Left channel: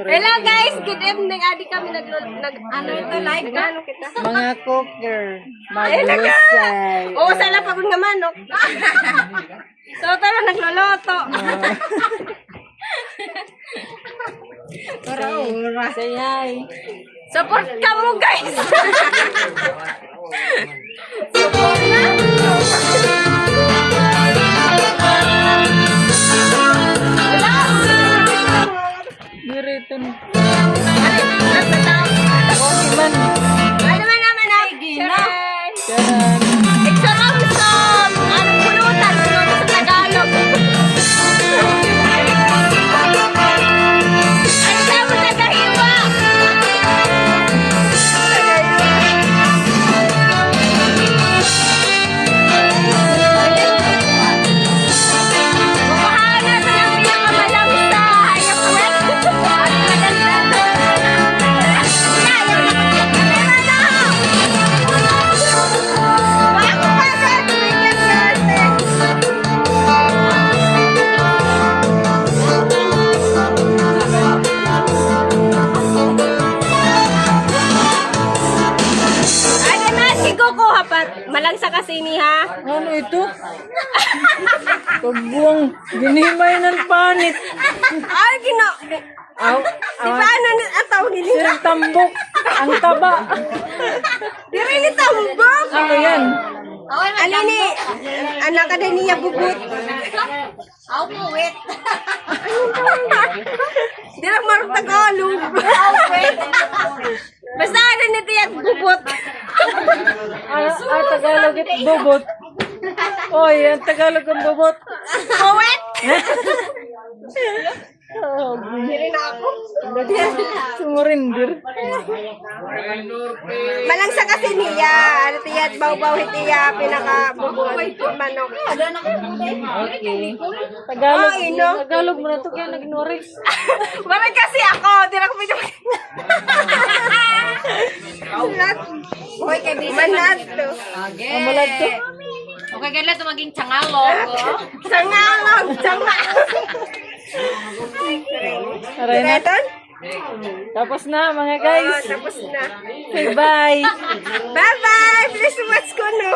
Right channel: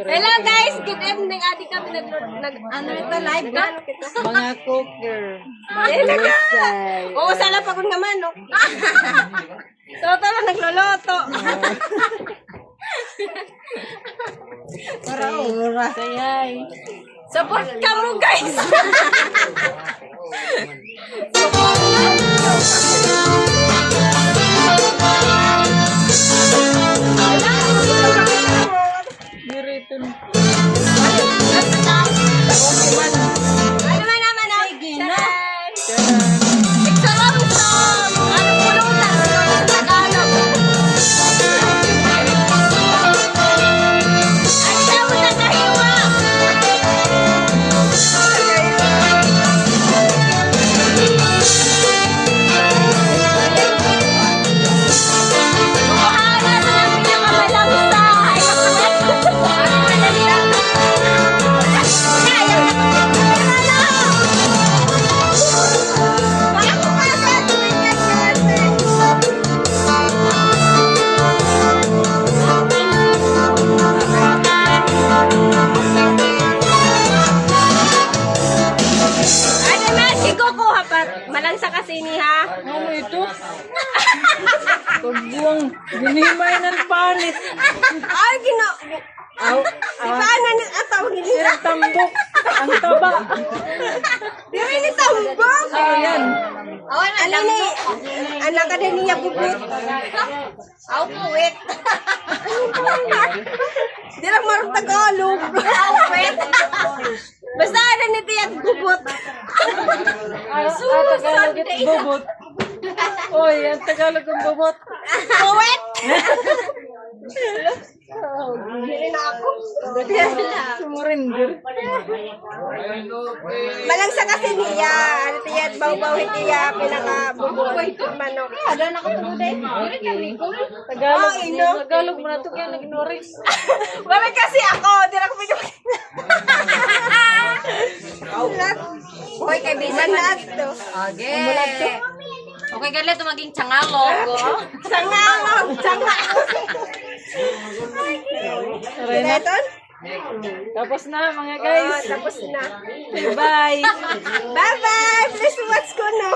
Hello guys, good evening. Adi kami ano ito live na ano kita. Mga cooker, maglusay. Oo, sala pagod naman, no? Toto na nagloloto. Ura. Sayay. Support ka mo, guys. Dirito na. Ano naman ang Gina? Charan. Exoramson! Anong pulutan? Pulutan sa Tagalog. Ano tawag na kahiwa? Makuhana sa ng pinakamalangsa. Malansa kasi ni ha. Ano ito? Kabuang ginimay ng panit. Ay, Aw, di ba ano ang tawag nila? sirang tambok. Ang taba. Di ba ni tambok? Ano yan? Ano ni? Anak ka din niya bubut. Aw, puwet. Anong tawag niya? Di lang marunong Tagalog. Aw, puwet. Basta ano ni tiyag bubut. Tagalog ito bubot. Oy, ang Tagalog ang bubot. Puwet. Hindi na ako. Sumurindir. Malansa kasi niya. Ano tiya, baw-bawit niya, pinaka-bubot. Manok. Tagalog. Oh, ino. Tagalog mo na ito kaya nag-ignore. Wala kasi ako. Di na ako medyo... Manat to. Okay. Okay, gala ito maging tsangalog. Sangalog. Sangalog. Direton? Tapos na mga Oh, guys. tapos na. Say bye. Bye-bye. Please watch ko, no?